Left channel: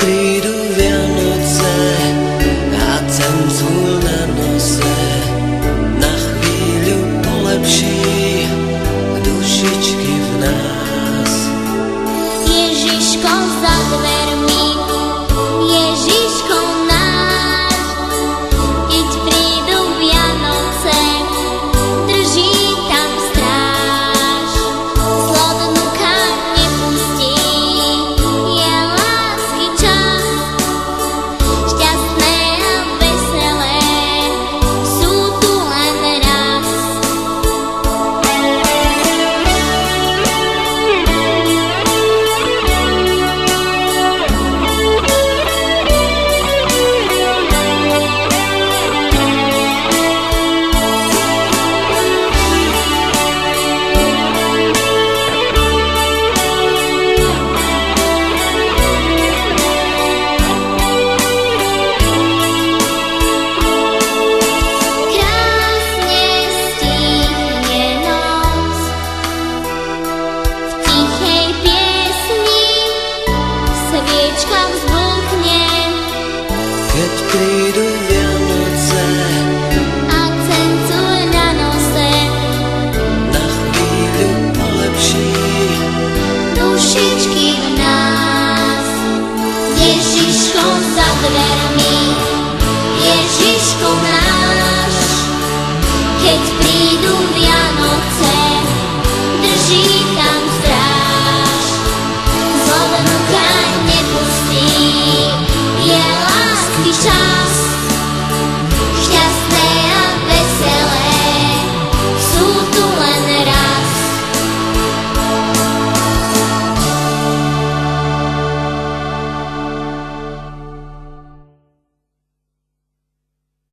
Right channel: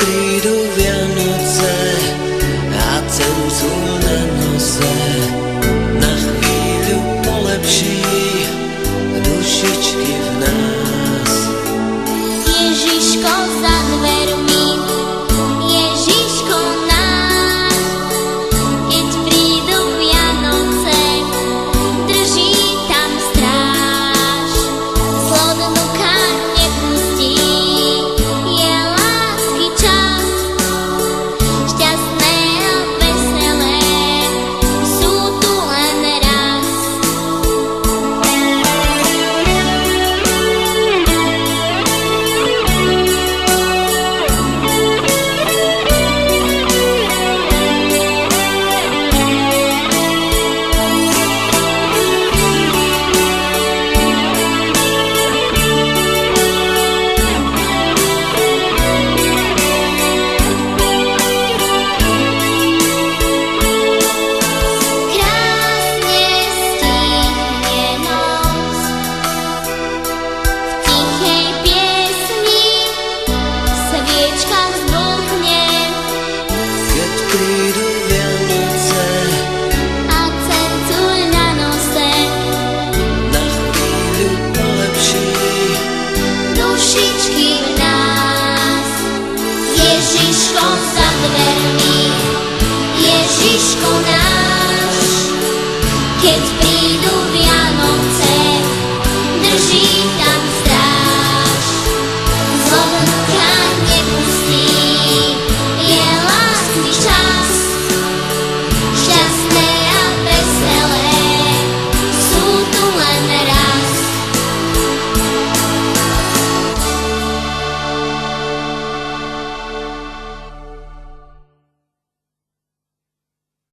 prídu Vianoce a cencúr na nose na chvíľu polepší dušičky v nás. Ježiško za dvermi, Ježiško náš, keď prídu Vianoce, drží tam stráž. Zlodnú káň nepustí, je lásky čas, šťastné a veselé sú tu len raz. Krásne stíchne noc, v tichej piesni sviečka vzblkne Keď prídu Vianoce a cencúr na nose na chvíľu polepší dušičky v nás. Ježiško za dvermi, Ježiško na